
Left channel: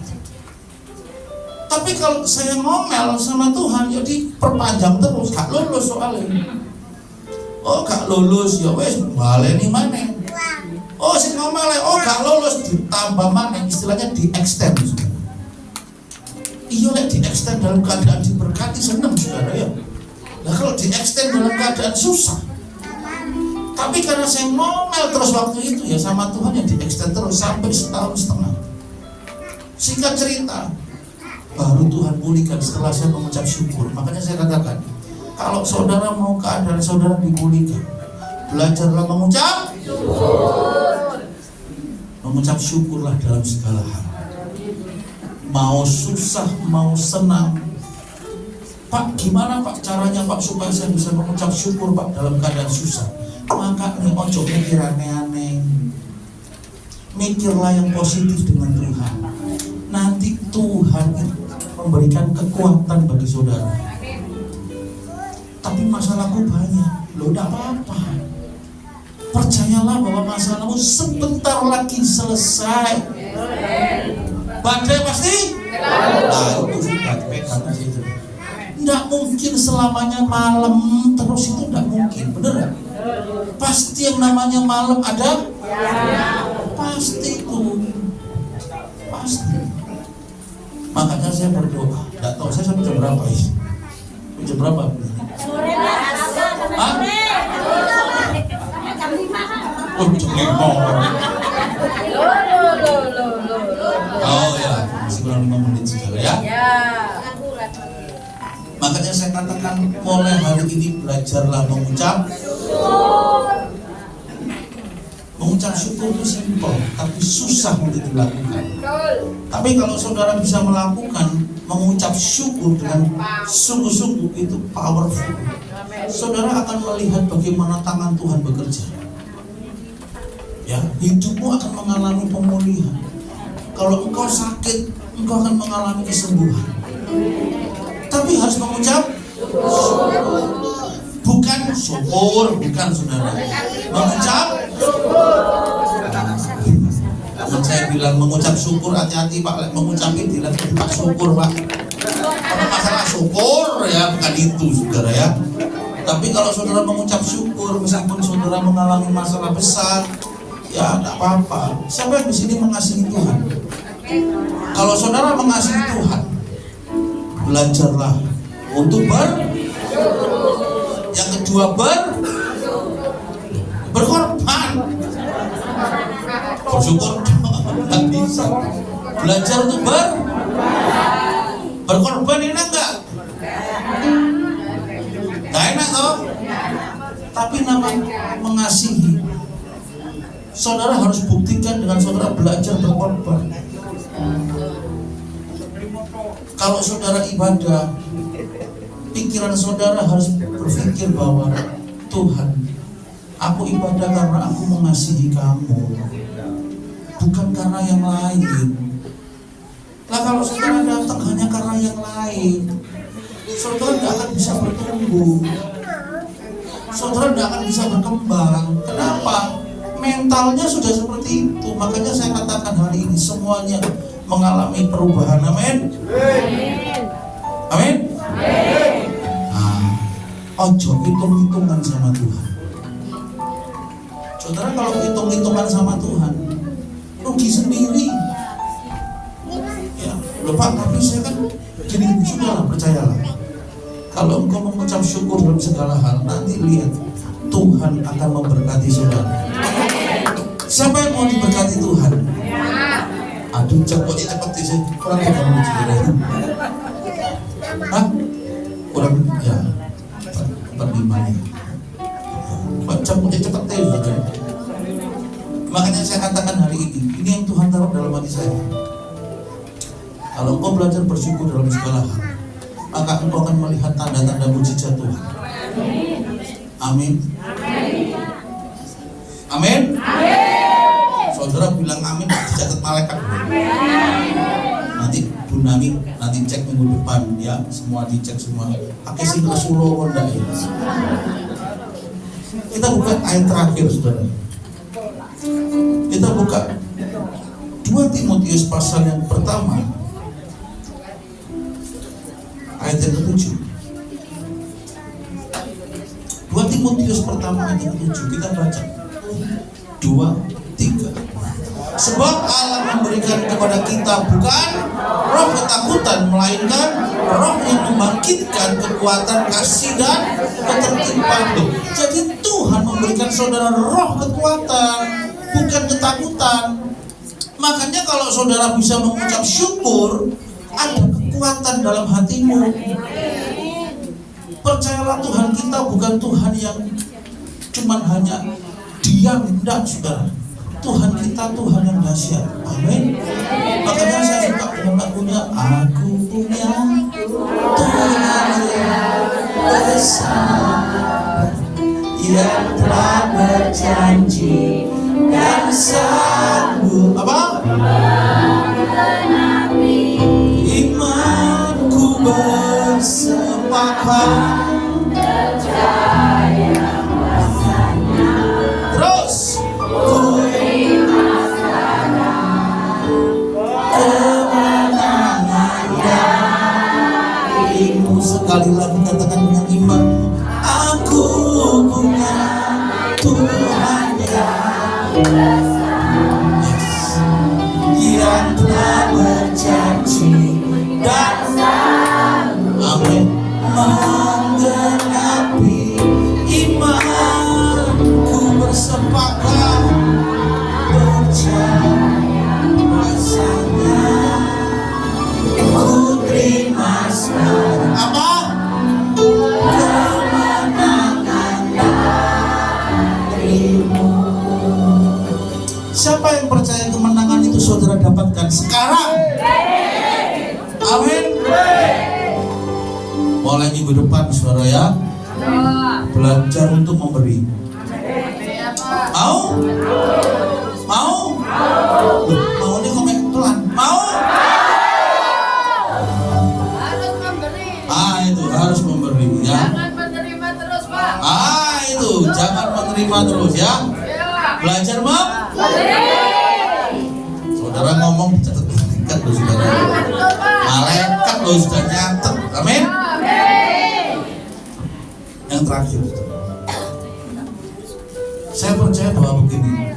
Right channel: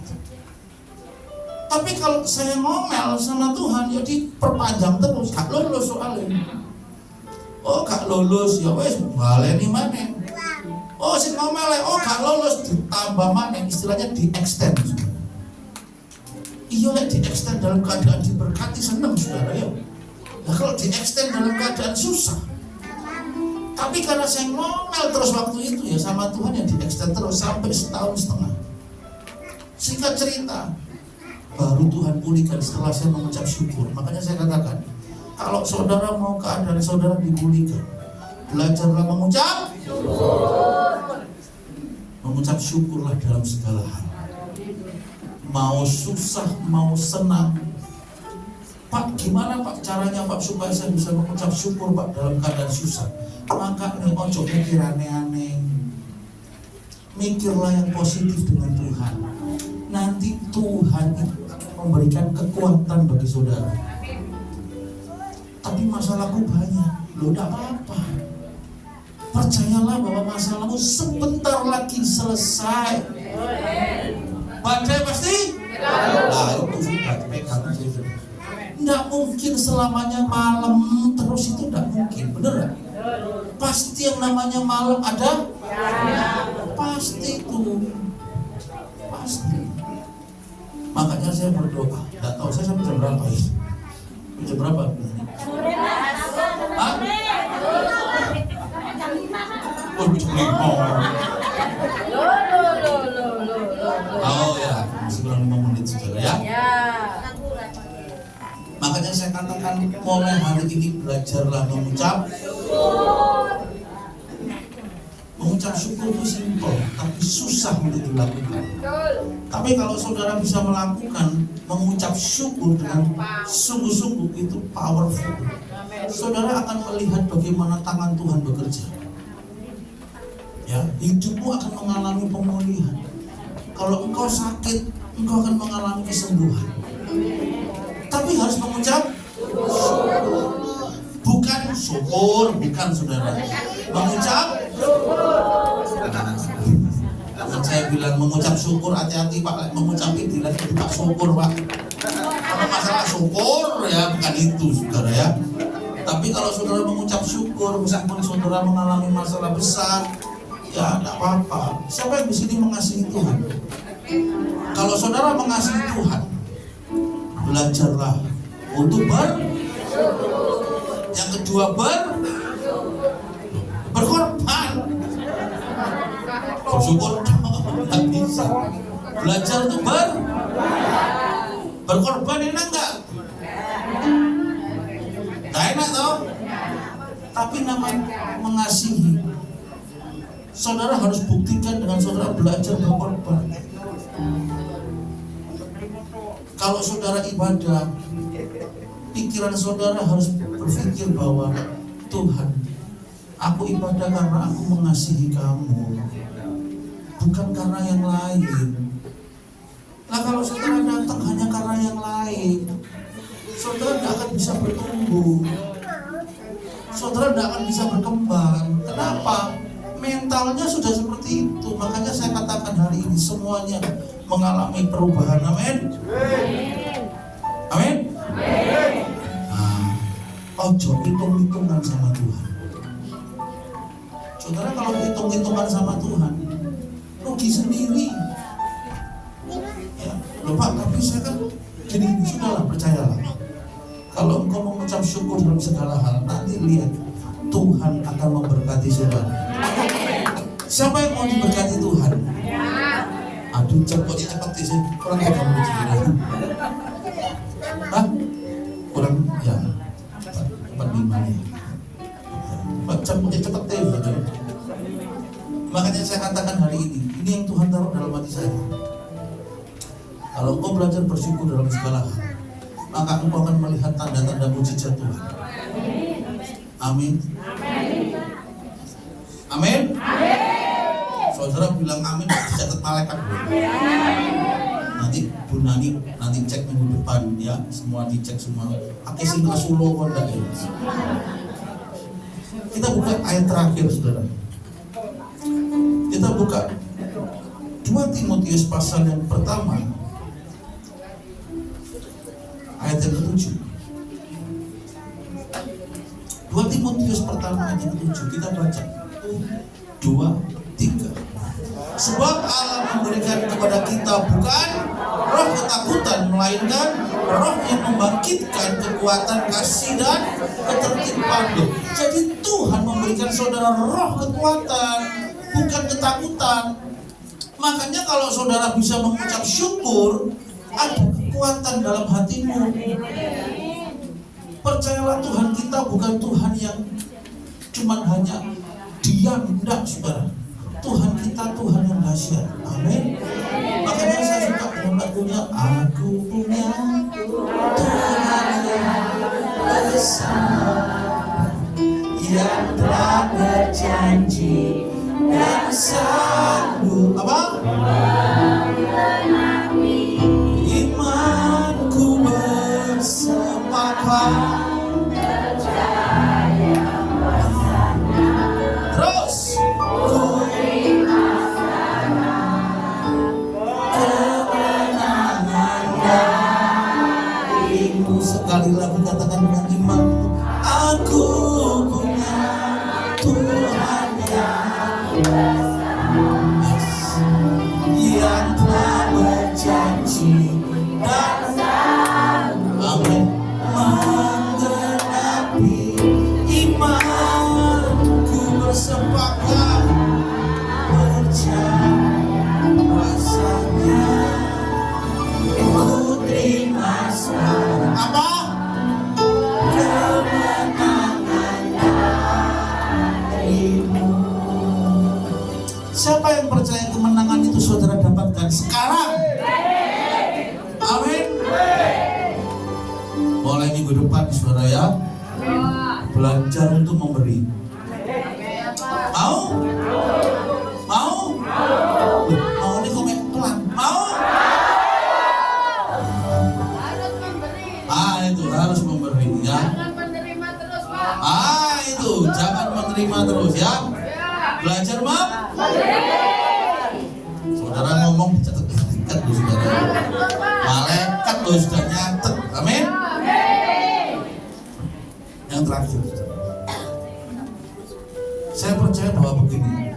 Tapi kalau saya ngomel sama Tuhan, ya diperpanjang terus, gak lulus soalnya. Oh gak lulus, ya wes baleni mana? Oh si ngomel, oh gak lulus, ditambah mana? Istilahnya di-extend. Iya lah di-extend dalam keadaan diberkati senang saudara ya. Nah kalau di-extend dalam keadaan susah. Tapi karena saya ngomel terus waktu itu ya sama Tuhan, yang di-extend terus sampai 1,5 tahun. Singkat cerita, baru Tuhan pulihkan setelah saya mengucap syukur. Makanya saya katakan, kalau saudara mau keadaan saudara dipulihkan, belajarlah mengucap syukur. Mengucap syukurlah dalam segala hal. Mau susah, mau senang. Pak, gimana Pak caranya Pak supaya saya bisa mengucap syukur Pak dalam keadaan susah? Maka nih ojo mikir aneh-aneh. Mikirlah yang positif dengan Tuhan. Nanti Tuhan memberikan kekuatan bagi saudara. Tapi masalahku banyak. Loh tidak apa-apa. Percayalah bahwa masalahmu sebentar lagi selesai. Badai pasti? Nah itu sudah pegang aja itu. Tidak mungkin selamanya malam terus, itu tidak mungkin, bener gak? Pasti yang namanya malam ada? Pasti itu. Pasti. Makanya saya berdoa. Tidak tahu saya sampai jam berapa ya? Jam berapa? Sore lah. Hah? Oh jam 5. Oh ya, masih kurang 5 menit saudara ya. Makanya saya katakan mulai hari ini belajarlah mengucap syukur. Mengucap syukur itu simpel, tapi susah untuk dilakukan. Tapi kalau saudara bisa melakukan mengucap syukur dengan sungguh-sungguh, itu powerful. Saudara akan melihat bagaimana tangan Tuhan bekerja. Ya, hidupmu akan mengalami pemulihan. Kalau engkau sakit, engkau akan mengalami kesembuhan. Tapi harus mengucap syukur. Bukan syukur, bukan saudara. Mengucap syukur. Saya bilang mengucap syukur, hati-hati Pak, mengucapin bilang Pak syukur Pak. Karena masalah syukur ya bukan itu saudara ya. Tapi kalau saudara mengucap syukur, meskipun saudara mengalami masalah besar, ya tidak apa-apa. Siapa yang di sini mengasihi Tuhan? Kalau saudara mengasihi Tuhan, belajarlah untuk yang kedua berkorban. Bersyukur nggak bisa. Belajar untuk berkorban enak nggak? Nggak enak toh? Tapi namanya mengasihi. Saudara harus buktikan dengan saudara belajar berkorban. Kalau saudara ibadah, pikiran saudara harus berpikir bahwa Tuhan, aku ibadah karena aku mengasihi kamu, bukan karena yang lain. Nah kalau saudara datang hanya karena yang lain, saudara tidak akan bisa bertumbuh. saudara tidak akan bisa berkembang. Kenapa? Mentalnya sudah seperti itu. Makanya saya katakan hari ini semuanya mengalami perubahan. Amin. Amin. Ojo hitung-hitungan sama Tuhan. Saudara kalau hitung-hitungan sama Tuhan, rugi sendiri. Ya, Pak, tapi saya kan gini, sudahlah, percayalah. Kalau engkau mengucap syukur dalam segala hal, nanti lihat Tuhan akan memberkati saudara. Siapa yang mau diberkati Tuhan? Aduh, cepet sih. Kurang kamu saudara. Hah? Kurang ya. 45 nih. Cepet saudara. Makanya saya katakan hari ini yang Tuhan taruh dalam hati saya. Kalau engkau belajar bersyukur dalam segala hal, maka engkau akan melihat tanda-tanda mujizat Tuhan. Amin. Amin. Saudara bilang amin, dicatat malaikat. Nanti Dunami, nanti cek minggu depan ya, semua dicek semua. Pakai sing Rasulullah kondak ya. Kita buka ayat terakhir, saudara. Kita buka 2 Timotius pasal yang pertama, ayat yang ke-7. 2 Timotius pertama ayat yang ke-7. Kita baca 2, 3. Sebab Allah memberikan kepada kita bukan roh ketakutan, melainkan roh yang membangkitkan kekuatan kasih dan ketertiban. Jadi Tuhan memberikan saudara roh kekuatan, bukan ketakutan. Makanya kalau saudara bisa mengucap syukur, ada kekuatan dalam hatimu. Percayalah, Tuhan kita bukan Tuhan yang cuman hanya diam, enggak, saudara. Tuhan kita Tuhan yang dahsyat. Amin. Makanya saya suka dengan lagunya, aku punya Tuhan yang besar, yang telah berjanji dan sanggup apa? Imanku bersepakat. Terus sekali lagi katakan dengan iman, aku punya Tuhan yang besar, yang telah berjanji dan amin menggenapi imanku bersepakat percaya rasanya ku terima sekarang. Apa? Siapa yang percaya kemenangan itu saudara dapatkan sekarang? Amin. Mulai minggu depan saudara ya, belajar untuk memberi. Mau? Mau? Mau ini komen pelan. Mau? Harus memberi. Itu harus memberi ya. Jangan menerima terus, Pak. Itu jangan menerima terus ya. Belajar mau? Saudara ngomong dicatat malaikat loh saudara. Malaikat loh sudah nyatet. Amin. Yang terakhir, saya percaya bahwa begini,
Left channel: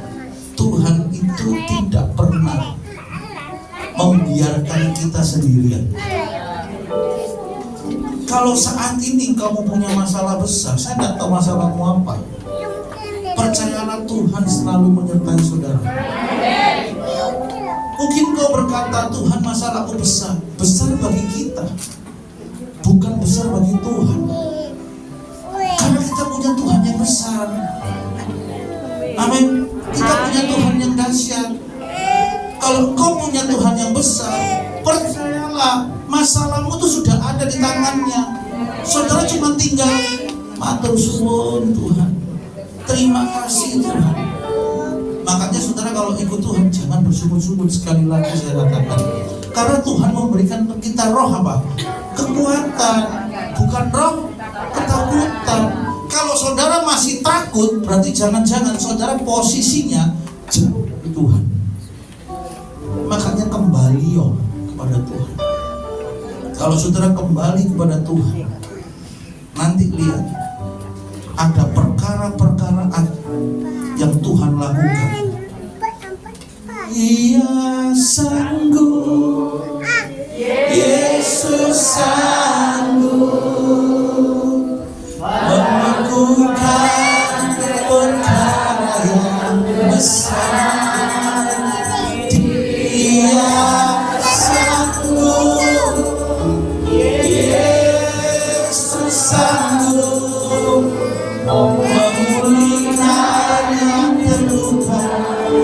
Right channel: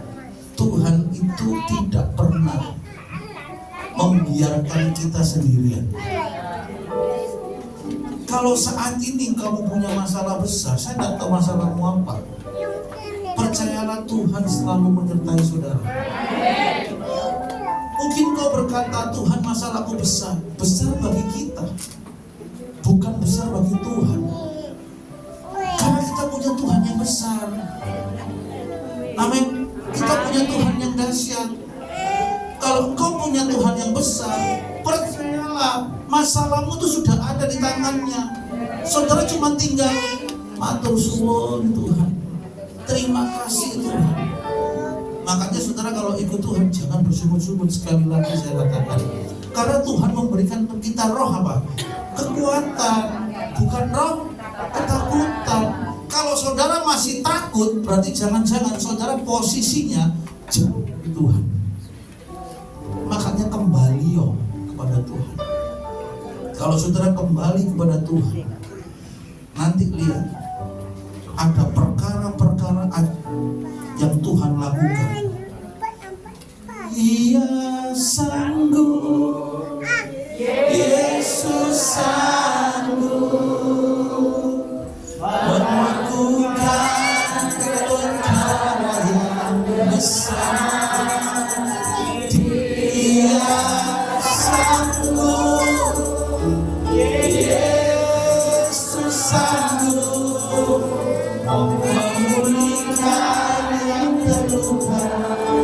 Tuhan itu tidak pernah membiarkan kita sendirian. Kalau saat ini kamu punya masalah besar, saya tidak tahu masalahmu apa, percayalah Tuhan selalu menyertai saudara. Mungkin kau berkata, Tuhan masalahku besar. Besar bagi kita, bukan besar bagi Tuhan. Karena kita punya Tuhan yang besar. Amin. Kita punya Tuhan yang dahsyat. Kalau kau punya Tuhan yang besar, percayalah masalahmu itu sudah ada di tangannya. Saudara cuma tinggal matur suwun Tuhan, terima kasih Tuhan. Makanya saudara kalau ikut Tuhan jangan bersumur-sumur. Sekali lagi saya katakan, karena Tuhan memberikan untuk kita roh apa? Kekuatan, bukan roh ketakutan. Kalau saudara masih takut, berarti jangan-jangan saudara posisinya jauh dari Tuhan. Makanya kembali kepada Tuhan. Kalau saudara kembali kepada Tuhan, nanti lihat ada perkara-perkara yang Tuhan lakukan. Ia sanggup, Yesus sanggup melakukan perkara yang besar. Dia sanggup, Yesus sanggup memulihkan yang terluka,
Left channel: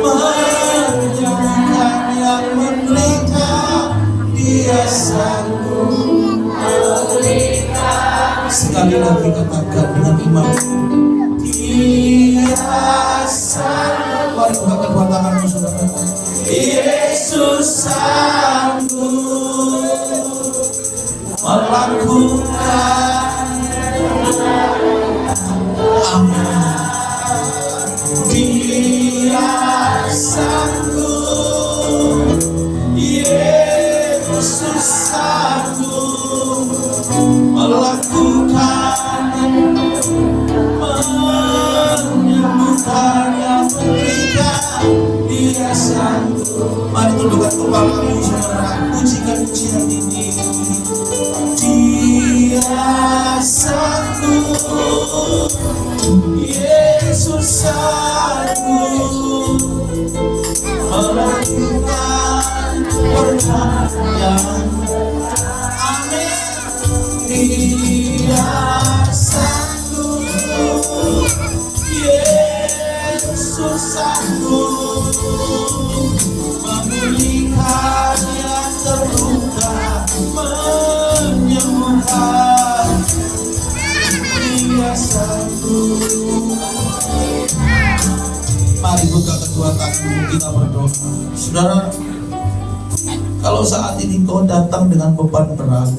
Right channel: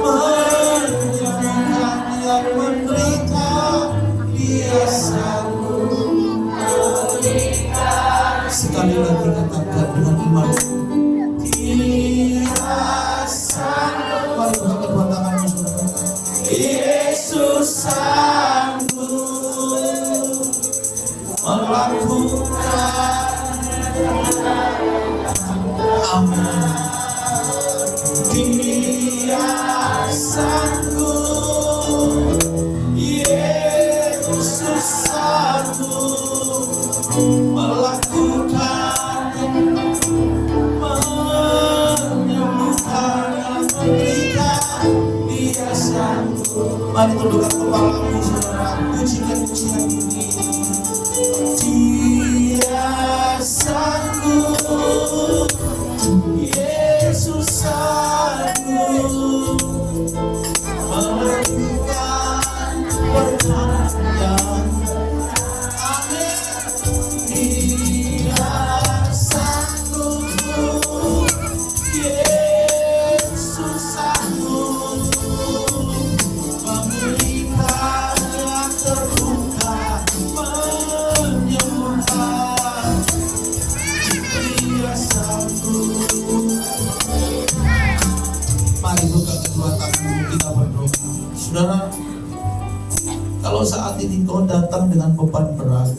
menyembuhkan yang menderita. Dia sanggup memulihkan. Sekali lagi katakan dengan iman. Dia sanggup. Mari buka kedua tanganmu saudara. Yesus sanggup melakukan. Amin. Dia sanggup, Yesus sanggup melakukan, menyembuhkan yang menderita. Dia sanggup. Mari tundukkan kepalamu saudara, pujikan pujian ini. Dia sanggup, Yesus sanggup melakukan perkara. Amin. Dia sanggup, Yesus sanggup memulihkan yang terluka, menyembuhkan. Dia sanggup. Mari buka kedua tangan kita berdoa. Saudara, kalau saat ini kau datang dengan beban berat,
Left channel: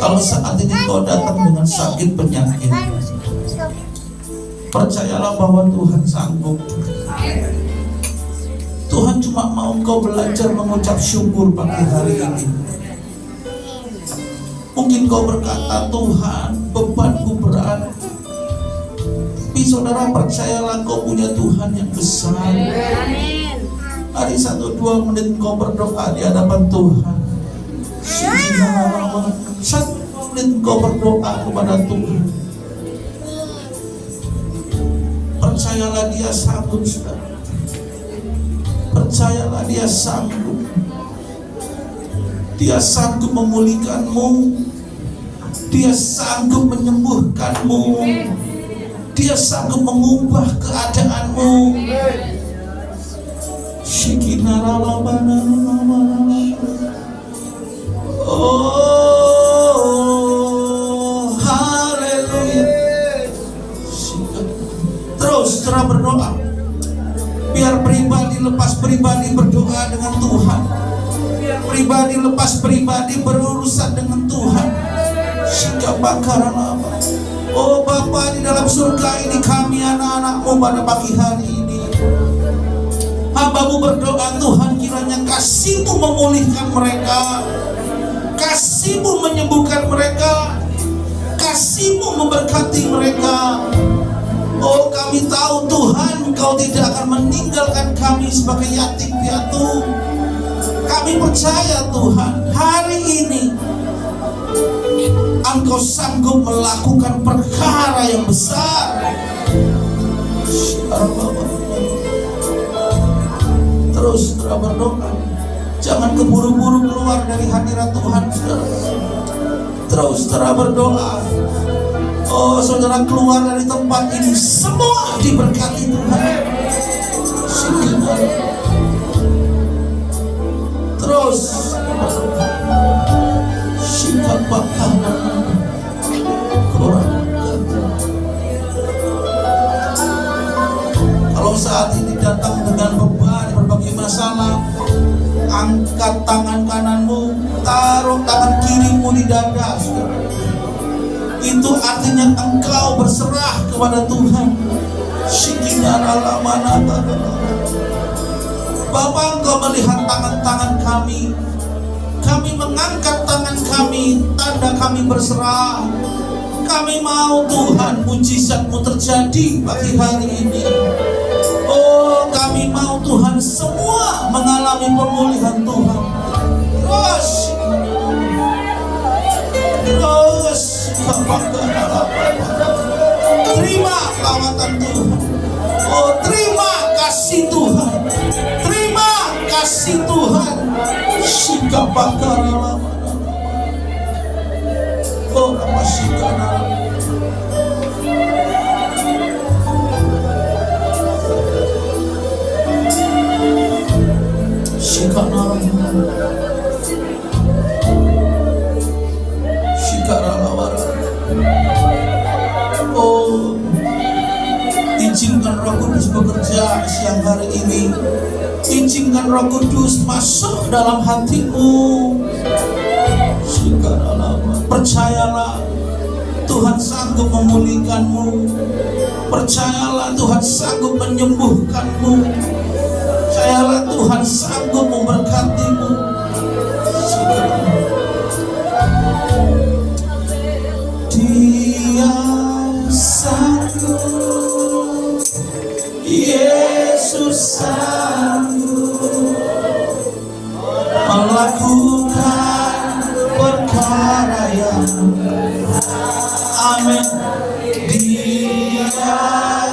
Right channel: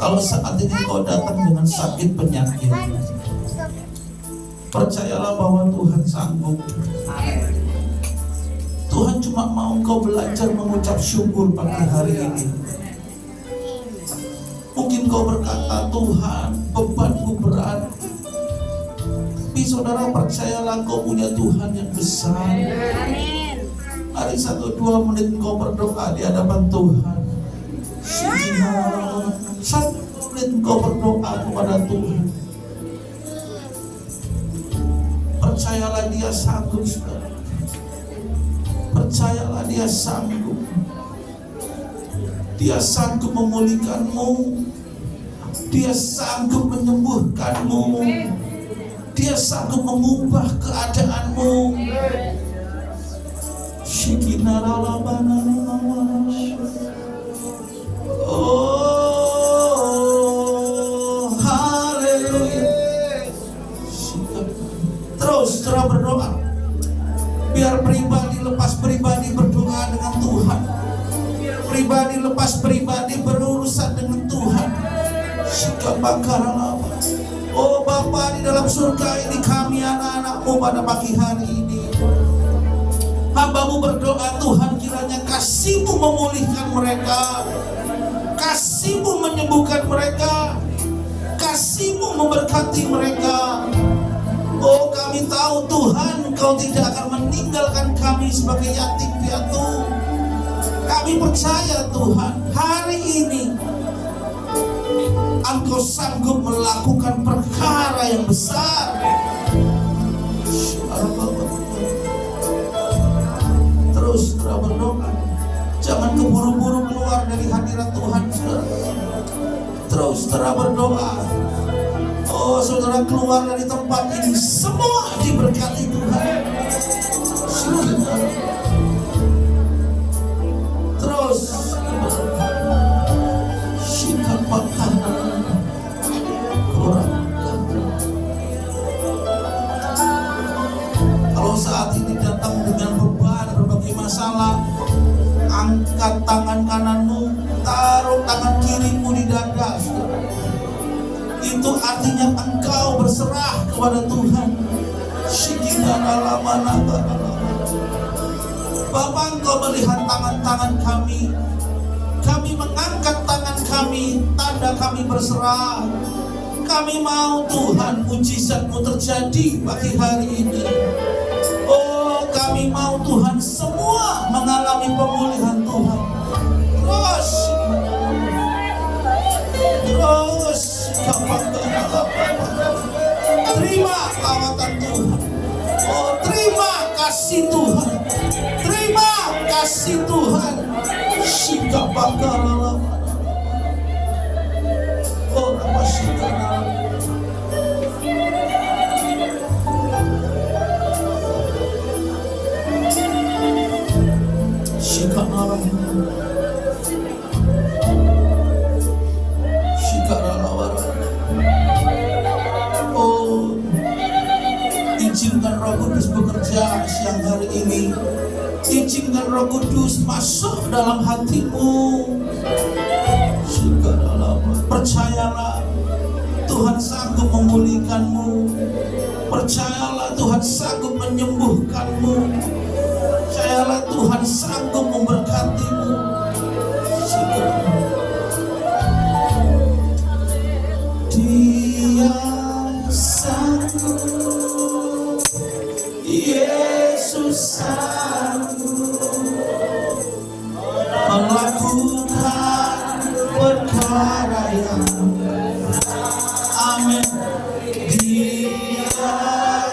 kalau saat ini kau datang dengan sakit penyakit, percayalah bahwa Tuhan sanggup. Tuhan cuma mau kau belajar mengucap syukur pagi hari ini. Mungkin kau berkata, Tuhan, bebanku berat. Tapi saudara, percayalah kau punya Tuhan yang besar. Amin. Hari 1-2 menit kau berdoa di hadapan Tuhan. 1 menit kau berdoa kepada Tuhan. Percayalah Dia sanggup, saudara. Percayalah Dia sanggup. Dia sanggup memulihkanmu. Dia sanggup menyembuhkanmu. Dia sanggup mengubah keadaanmu. Oh, haleluya. Terus berdoa. Biar pribadi lepas pribadi berdoa dengan Tuhan. Biar pribadi lepas pribadi berurusan dengan Tuhan. Sikap bakaran apa? Oh Bapa di dalam surga ini, kami anak-anak-Mu pada pagi hari ini, hamba-Mu berdoa Tuhan, kiranya kasih-Mu memulihkan mereka, kasih-Mu menyembuhkan mereka, kasih-Mu memberkati mereka. Oh kami tahu Tuhan, Engkau tidak akan meninggalkan kami sebagai yatim piatu. Kami percaya Tuhan, hari ini Engkau sanggup melakukan perkara yang besar. Terus berdoa. Jangan keburu-buru keluar dari hadirat Tuhan, saudara. Terus berdoa. Oh saudara, keluar dari tempat ini semua diberkati Tuhan. Terus sikap bakal kalau saat ini datang dengan beban berbagai masalah, angkat tangan kananmu, taruh tangan kirimu di dada, saudara. Itu artinya engkau berserah kepada Tuhan. Bapa, Engkau melihat tangan-tangan kami. Kami mengangkat tangan kami, tanda kami berserah. Kami mau Tuhan mujizat-Mu terjadi pagi hari ini. Oh, kami mau Tuhan semua mengalami pemulihan Tuhan. Terima lawatan Tuhan. Oh, terima kasih Tuhan. Terima kasih Tuhan. Shikapakara. Oh, apa shikana. Shikana. Izinkan Roh Kudus bekerja siang hari ini. Izinkan Roh Kudus masuk dalam hatimu. Percayalah, Tuhan sanggup memulihkanmu. Percayalah, Tuhan sanggup menyembuhkanmu. Percayalah, Tuhan sanggup memberkatimu. Dia sanggup. Yesus sanggup melakukan perkara yang amin. Dia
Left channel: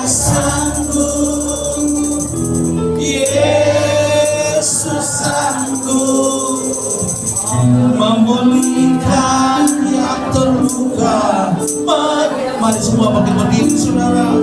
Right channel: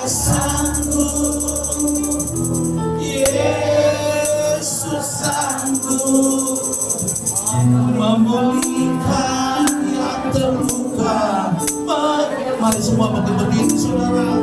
sanggup, Yesus sanggup memulihkan yang terluka. Mari semua bangkit berdiri, saudara.